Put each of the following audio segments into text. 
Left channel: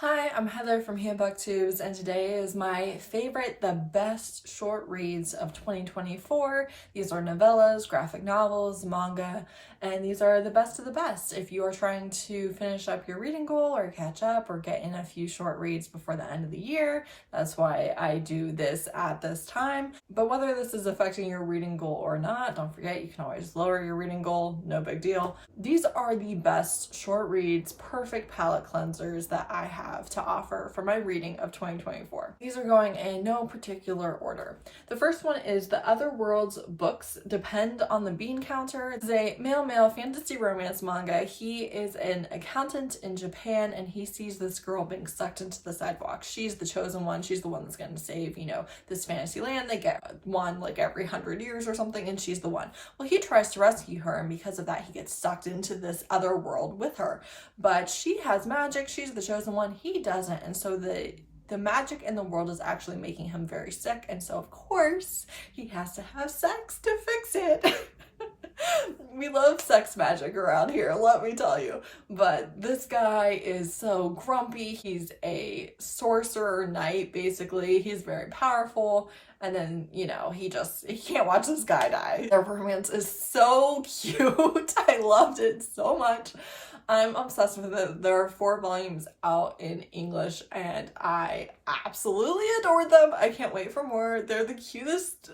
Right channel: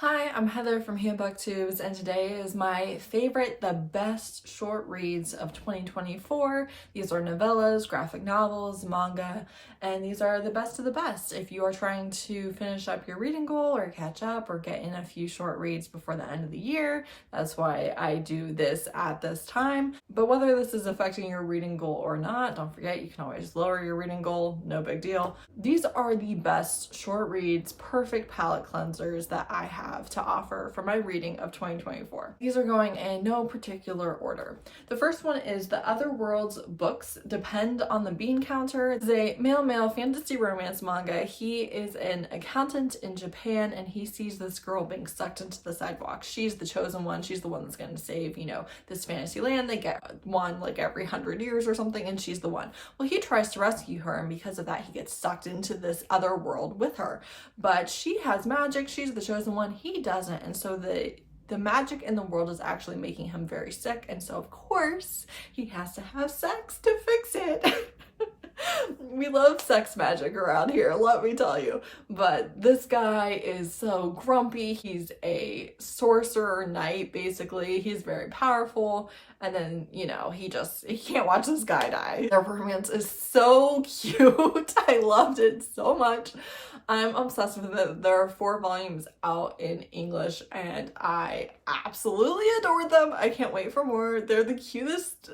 Hi, I'm Heather from booktubes, and today is my favorite, the best short reads of 2024. These are novellas, graphic novels, manga, and these are the best of the best. If you are trying to finish up your reading goal or catch up or get in a few short reads before the end of the year, that's why I do this at this time. But whether this is affecting your reading goal or not, don't forget you can always lower your reading goal, no big deal. These are the best short reads, perfect palate cleansers that I have to offer for my reading of 2024. These are going in no particular order. The first one is The Other World's Books Depend on the Bean Counter. It's a male fantasy romance manga. He is an accountant in Japan and he sees this girl being sucked into the sidewalk. She's the chosen one. She's the one that's going to save, this fantasy land. They get one like every 100 years or something, and she's the one. Well, he tries to rescue her, and because of that, he gets sucked into this other world with her. But she has magic. She's the chosen one. He doesn't. And so the magic in the world is actually making him very sick. And so, of course, he has to have sex to fix it. We love sex magic around here, let me tell you. But this guy is so grumpy. He's a sorcerer knight, basically. He's very powerful. And then, he can't watch this guy die. Their romance is so cute. I loved it so much. I'm obsessed with it. There are 4 volumes out in English and I absolutely adore them. I can't wait for more. They're the cutest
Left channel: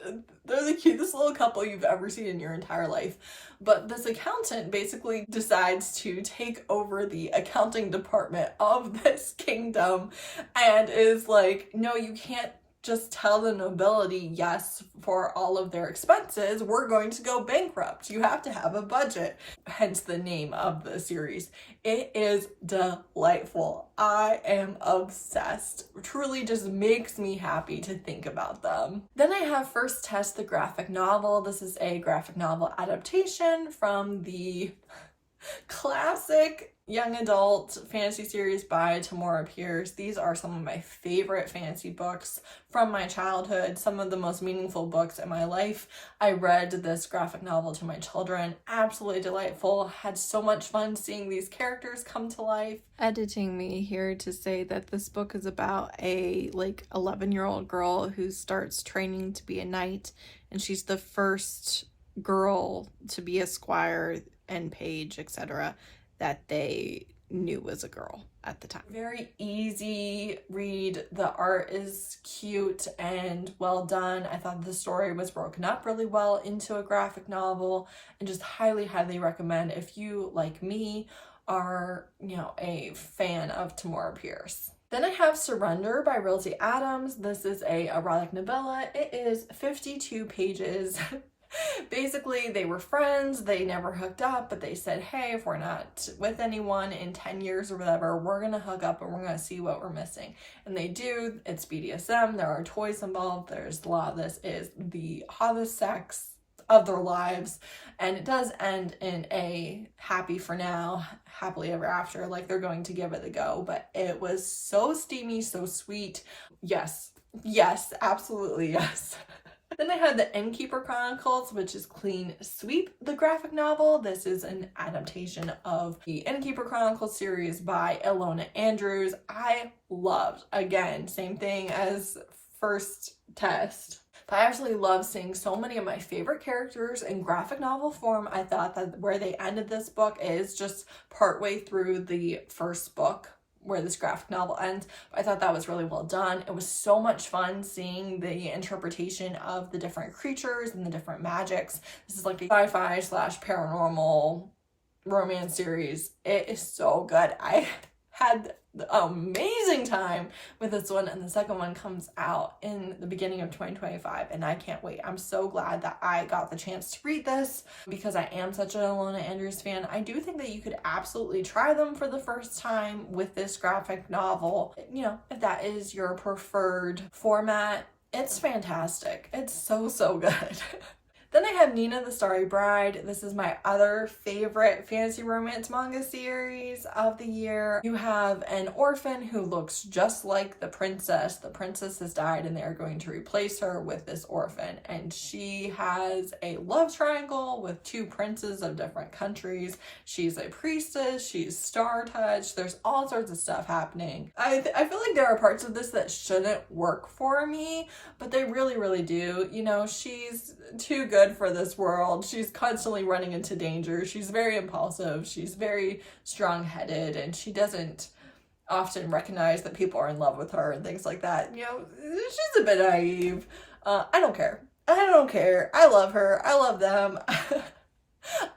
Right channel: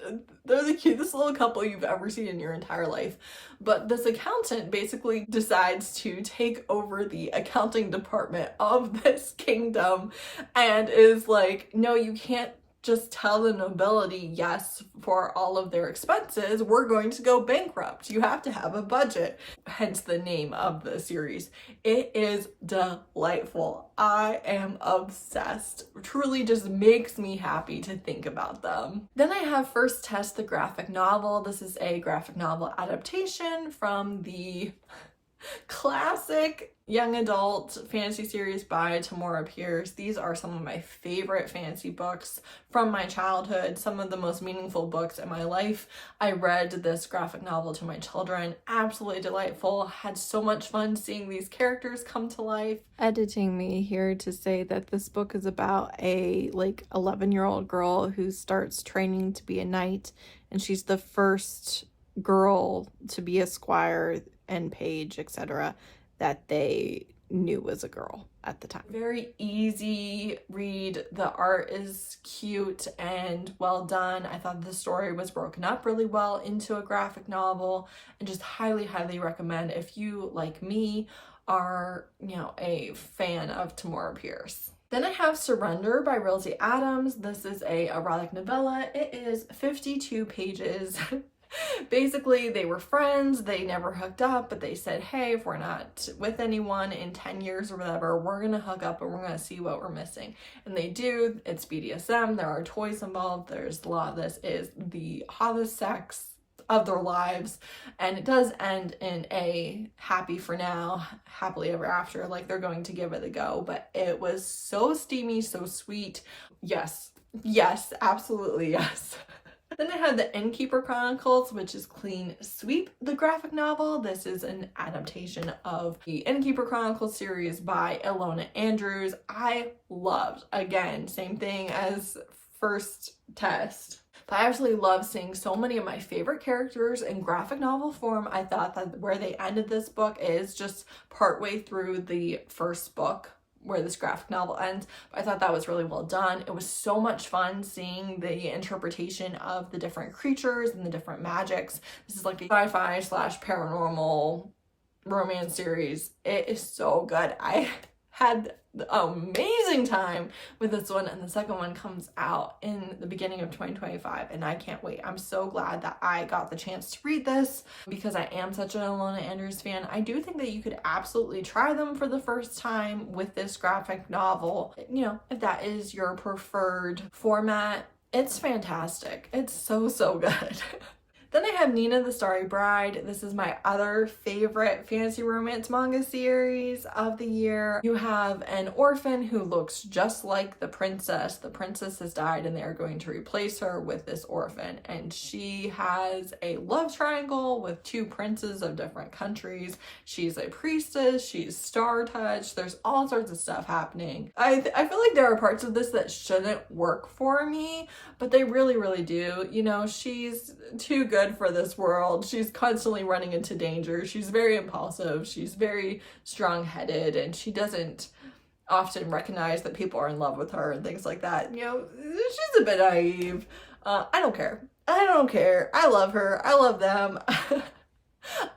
little couple you've ever seen in your entire life. But this accountant basically decides to take over the accounting department of this kingdom and is like, no, you can't just tell the nobility yes for all of their expenses. We're going to go bankrupt. You have to have a budget. Hence the name of the series. It is delightful. I am obsessed. Truly just makes me happy to think about them. Then I have First Test, the graphic novel. This is a graphic novel adaptation from the classic young adult fantasy series by Tamora. These are some of my favorite fantasy books from my childhood, some of the most meaningful books in my life. I read this graphic novel to my children. Absolutely delightful. Had so much fun seeing these characters come to life. Editing me here to say that this book is about a 11-year-old girl who starts training to be a knight, and she's the first girl to be a squire and page, etc., that they knew was a girl at the time. Very easy read. The art is cute and well done. I thought the story was broken up really well into a graphic novel, and just highly recommend if you, like me, are a fan of Tamora Pierce. Then I have Surrender by Rilzy Adams. This is a erotic novella. It is 52 pages. Basically, they were friends, they never hooked up, but they said, hey, if we're not with anyone in 10 years or whatever, we're gonna hook up and we're gonna see what we're missing. And they do. It's BDSM, there are toys involved, there's a lot of this is the hottest sex of their lives, and it does end in a happy for now, happily ever after, like they're going to give it a go. But it was so steamy, so sweet. Yes, absolutely yes. Then I had the Innkeeper Chronicles, which is Clean Sweep, the graphic novel. This is an adaptation of the Innkeeper Chronicles series by Ilona Andrews. I loved, again, same thing as First Test. But I actually love seeing so many of my favorite characters in graphic novel form. I thought that where they ended this book is just partway through the first book, where this graphic novel ends. But I thought that was really well done. It was so much fun seeing the interpretation of the different creatures and the different magics. This is like a sci-fi / paranormal romance series. It is so good. I had an amazing time with this one, and the second one comes out in the beginning of 2025, and I can't wait. I'm so glad that I got the chance to read this because I am such an Ilona Andrews fan. I do think that you could absolutely try them for the first time with this graphic novel. If that is your preferred format, it's fantastic. It's so good. Then I have Nina the Starry Bride. This is my other favorite fantasy romance manga series of the year. You have an orphan who looks just like the princess. The princess has died and they are going to replace her with this orphan. And she has a love triangle with two princes of different countries. She's a priestess, she's star touch. There's all sorts of stuff happening. I feel like there are parts of this that shouldn't work for me, but they really do. You know, she's too good for this world. She's constantly running into danger. She's very impulsive. She's very strong-headed, and she doesn't often recognize that people are in love with her and things like that. You know, she's a bit naive. I don't care. I don't care. I love her. I love them.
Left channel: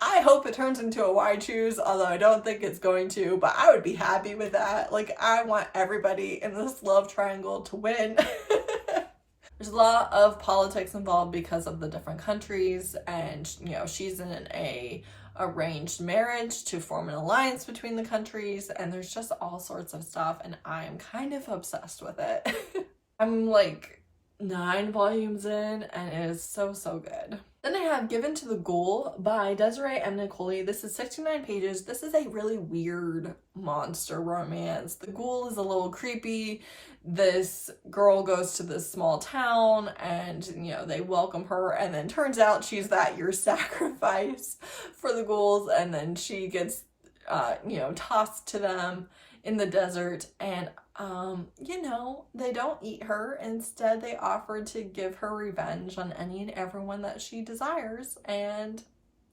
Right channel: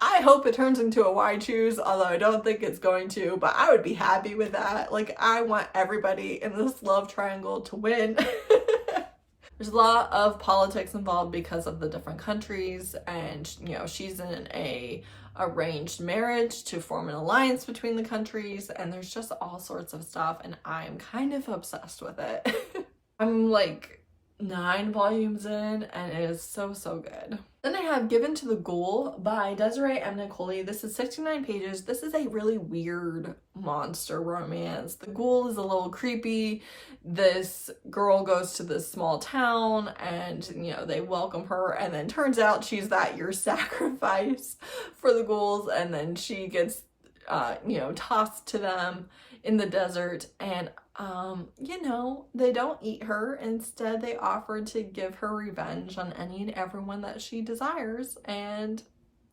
I hope it turns into a Y choose, although I don't think it's going to, but I would be happy with that. Like, I want everybody in this love triangle to win. There's a lot of politics involved because of the different countries, and you know, she's in a arranged marriage to form an alliance between the countries, and there's just all sorts of stuff, and I'm kind of obsessed with it. I'm like 9 volumes in, and it is so good. Then I have Given to the Ghoul by Desiree and Niccoli. This is 69 pages. This is a really weird monster romance. The ghoul is a little creepy. This girl goes to this small town and, you know, they welcome her, and then turns out she's that year's sacrifice for the ghouls, and then she gets, you know, tossed to them in the desert, and you know, they don't eat her. Instead, they offer to give her revenge on any and everyone that she desires, and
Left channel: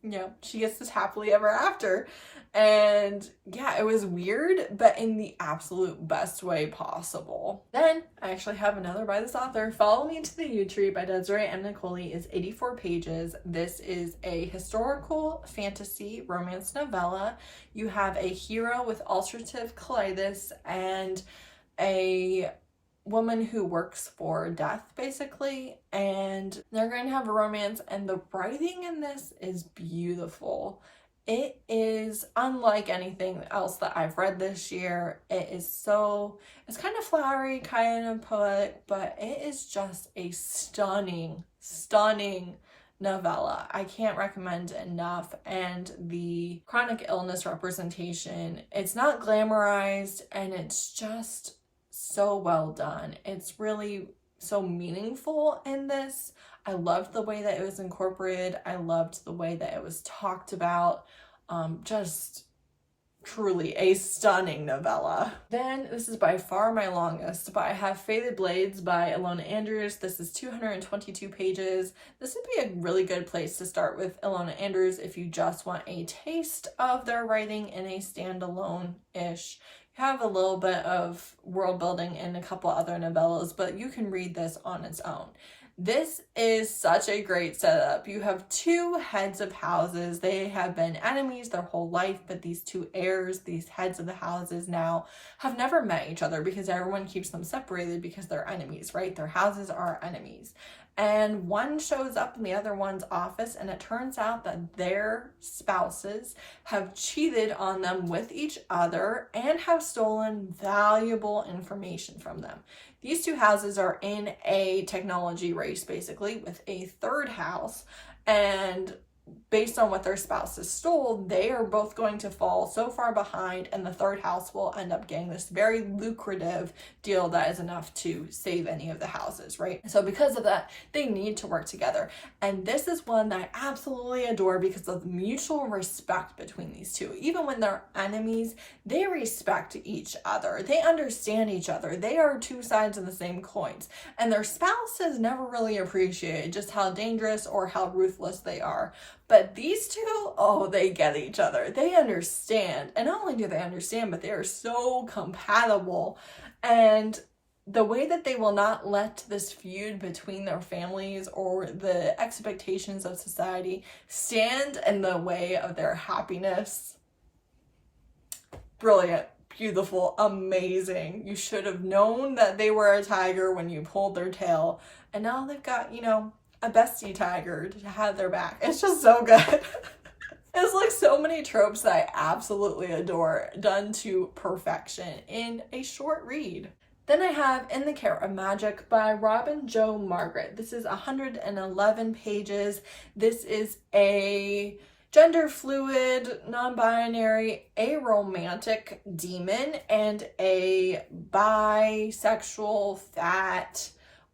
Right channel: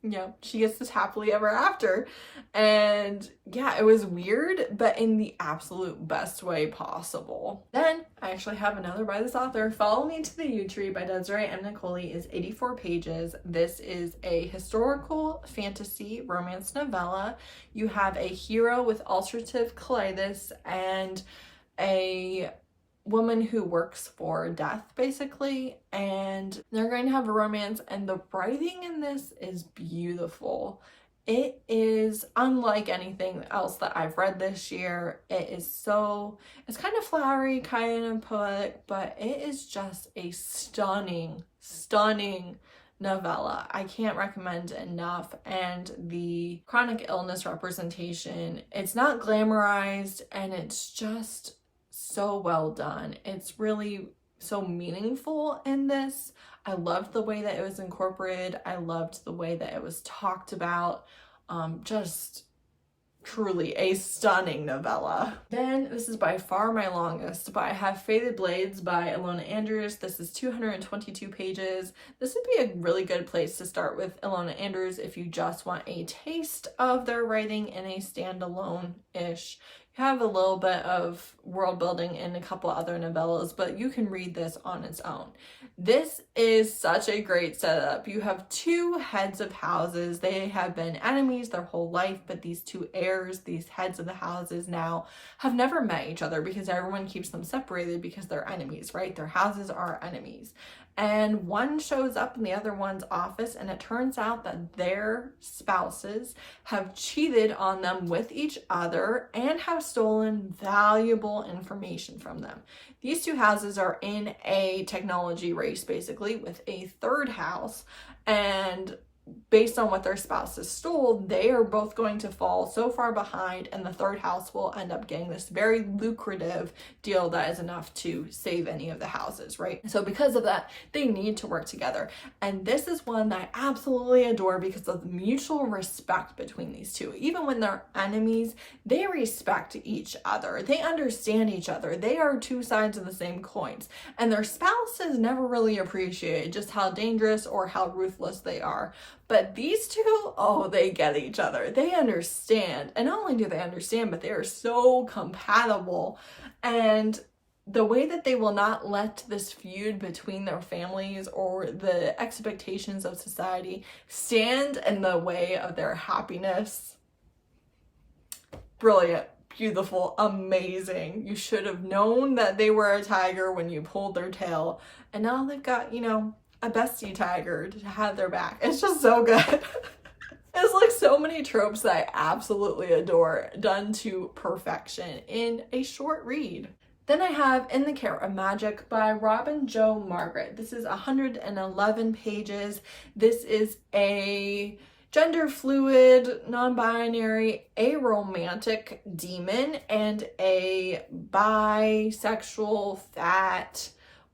you know, she gets this happily ever after. And yeah, it was weird, but in the absolute best way possible. Then I actually have another by this author. Follow Me to the Yew Tree by Desiree and Niccoli is 84 pages. This is a historical fantasy romance novella. You have a hero with ulcerative colitis and a woman who works for death, basically, and they're going to have a romance, and the writing in this is beautiful. It is unlike anything else that I've read this year. It's kind of flowery, kind of poetic, but it is just a stunning novella. I can't recommend it enough. And the chronic illness representation, it's not glamorized, and it's just so well done. It's really so meaningful in this. I loved the way that it was incorporated. I loved the way that it was talked about. Just truly a stunning novella. Then this is by far my longest, but I have Faded Blades by Ilona Andrews. This is 222 pages. This would be a really good place to start with Ilona Andrews if you just want a taste of their writing in a standalone-ish. Have a little bit of world building in a couple other novellas, but you can read this on its own. This is such a great setup. You have two heads of houses. They have been enemies their whole life, but these two heirs, these heads of the houses now, have never met each other because everyone keeps them separated because they're enemies, right? Their houses are enemies. And one shows up in the other one's office, and it turns out that their spouses have cheated on them with each other and have stolen valuable information from them. These two houses are in a technology race, basically, with a third house, and based on what their spouses stole, they are both going to fall so far behind, and the third house will end up getting this very lucrative deal that is enough to save any of the houses, right? So because of that, they need to work together. And this is one that I absolutely adore because of the mutual respect between these two. Even when they're enemies, they respect each other. They understand each other. They are two sides of the same coins. And their spouses never really appreciate just how dangerous or how ruthless they are. But these two, oh, they get each other. They understand. And not only do they understand, but they are so compatible. And the way that they will not let this feud between their families or the expectations of society stand in the way of their happiness. Brilliant, beautiful, amazing. You should have known that they were a tiger when you pulled their tail. And now they've got, you know, a bestie tiger to have their back. It's just so good. It's like so many tropes that I absolutely adore, done to perfection in a short read. Then I have In the Care of Magic by Robin Jo Margaret. This is 111 pages. This is a gender fluid, non-binary, aromantic demon and a bisexual fat,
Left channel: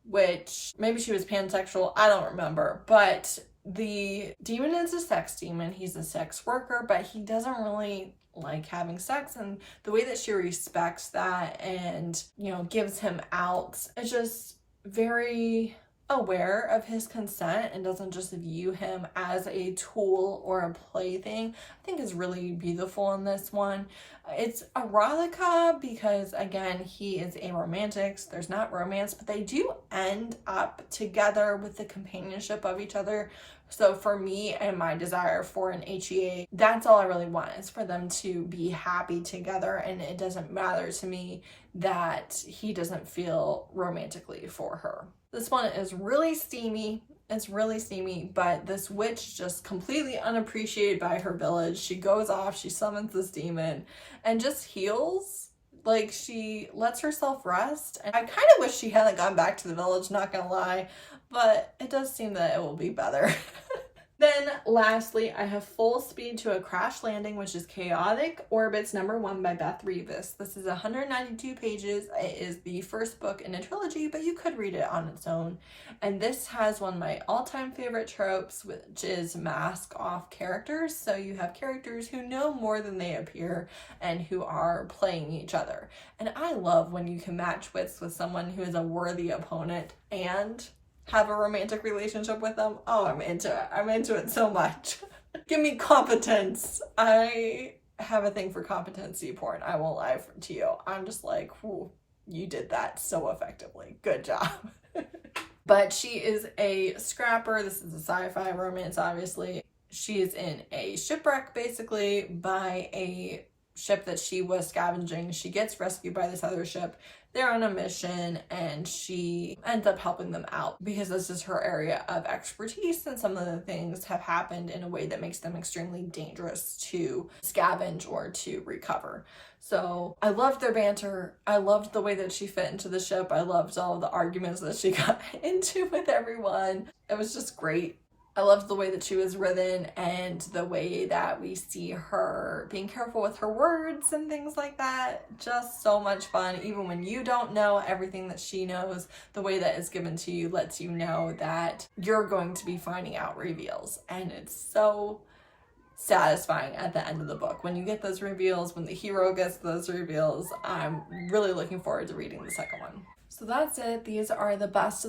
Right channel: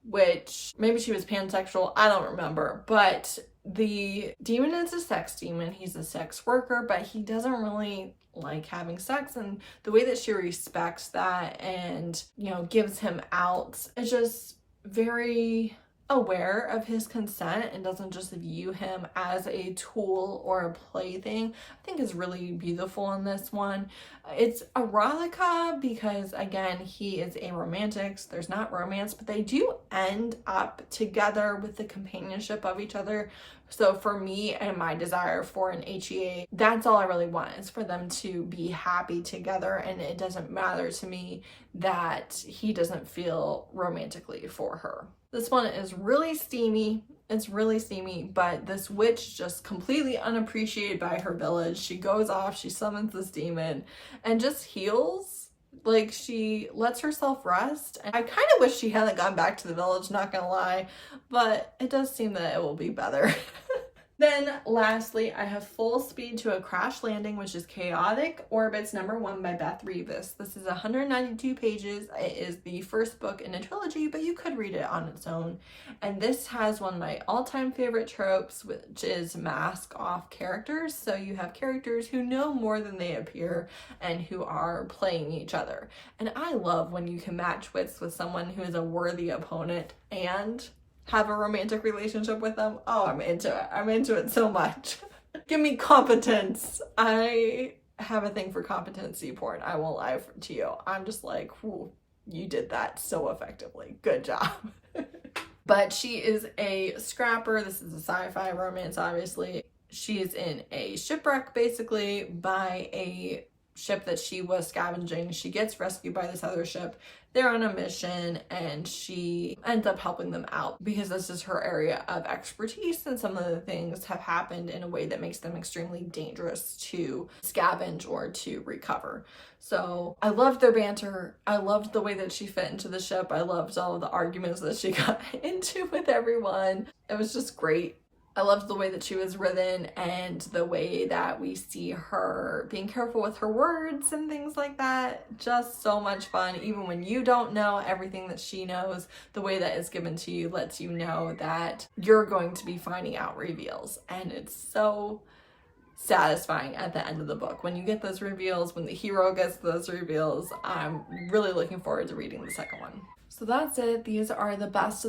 which maybe she was pansexual, I don't remember, but the demon is a sex demon. He's a sex worker, but he doesn't really like having sex, and the way that she respects that and, you know, gives him out is just very aware of his consent and doesn't just view him as a tool or a plaything. I think is really beautiful in this one. It's erotica because, again, he is aromantic, so there's not romance, but they do end up together with the companionship of each other. So for me and my desire for an HEA, that's all I really want, is for them to be happy together, and it doesn't matter to me that he doesn't feel romantically for her. This one is really steamy. It's really steamy, but this witch just completely unappreciated by her village. She goes off, she summons this demon and just heals. Like, she lets herself rest. And I kind of wish she hadn't gone back to the village, not gonna lie, but it does seem that it will be better. Then lastly, I have Full Speed to a Crash Landing, which is Chaotic Orbits #1 by Beth Revis. This is 192 pages. It is the first book in a trilogy, but you could read it on its own. And this has one of my all-time favorite tropes, which is mask off characters. So you have characters who know more than they appear and who are playing each other. And I love when you can match wits with someone who is a worthy opponent and have a romantic relationship with them. Oh, I'm into it. I'm into it so much. Give me competence. I have a thing for competency porn. I won't lie to you. I'm just like, whew, you did that so effectively. Good job. But she is a scrapper. This is a sci-fi romance, obviously. She is in a shipwreck, basically, by a ship that she was scavenging. She gets rescued by this other ship. They're on a mission and she ends up helping them out because this is her area of expertise, and some of the things have happened in a way that makes them extremely dangerous to scavenge or to recover. So I loved their banter. I loved the way that she fit into the ship. I loved all of the arguments that she got into with everyone. It was just great. I loved the way that she was written and the way that we see her being careful with her words and things like that. Just so much fun. Even when you don't know everything that she knows, the way that is given to you lets you know that you're going to be finding out reveals. And it's so satisfying at the end of the book when you get those reveals, when the hero gets those reveals. I'm really looking forward to reading the second one. So that's it. These are the best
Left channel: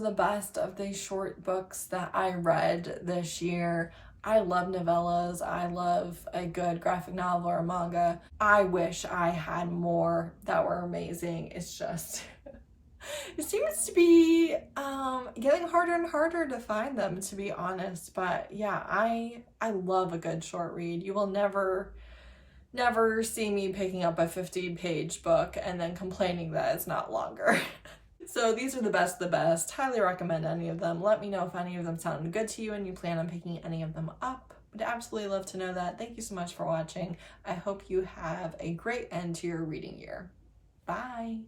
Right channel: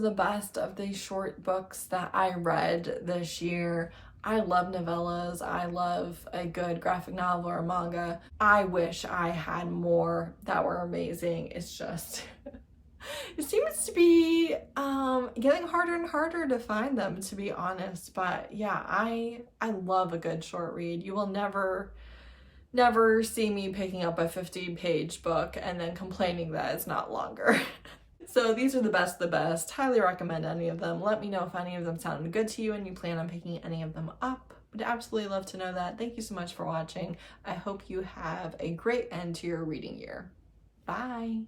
of the short books that I read this year. I love novellas. I love a good graphic novel or manga. I wish I had more that were amazing. It's just, it seems to be getting harder and harder to find them, to be honest. But yeah, I love a good short read. You will never see me picking up a 50-page book and then complaining that it's not longer. So these are the best of the best. Highly recommend any of them. Let me know if any of them sounded good to you and you plan on picking any of them up. Would absolutely love to know that. Thank you so much for watching. I hope you have a great end to your reading year. Bye.